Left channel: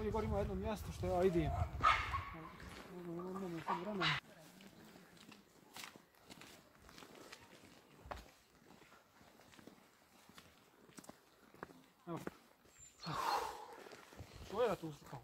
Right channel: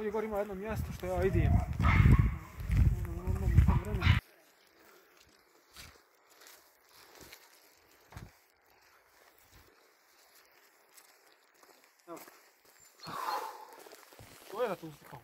ovdje gore ima jedno mjesto što ja idem. Evo. Što je da tu uslikao?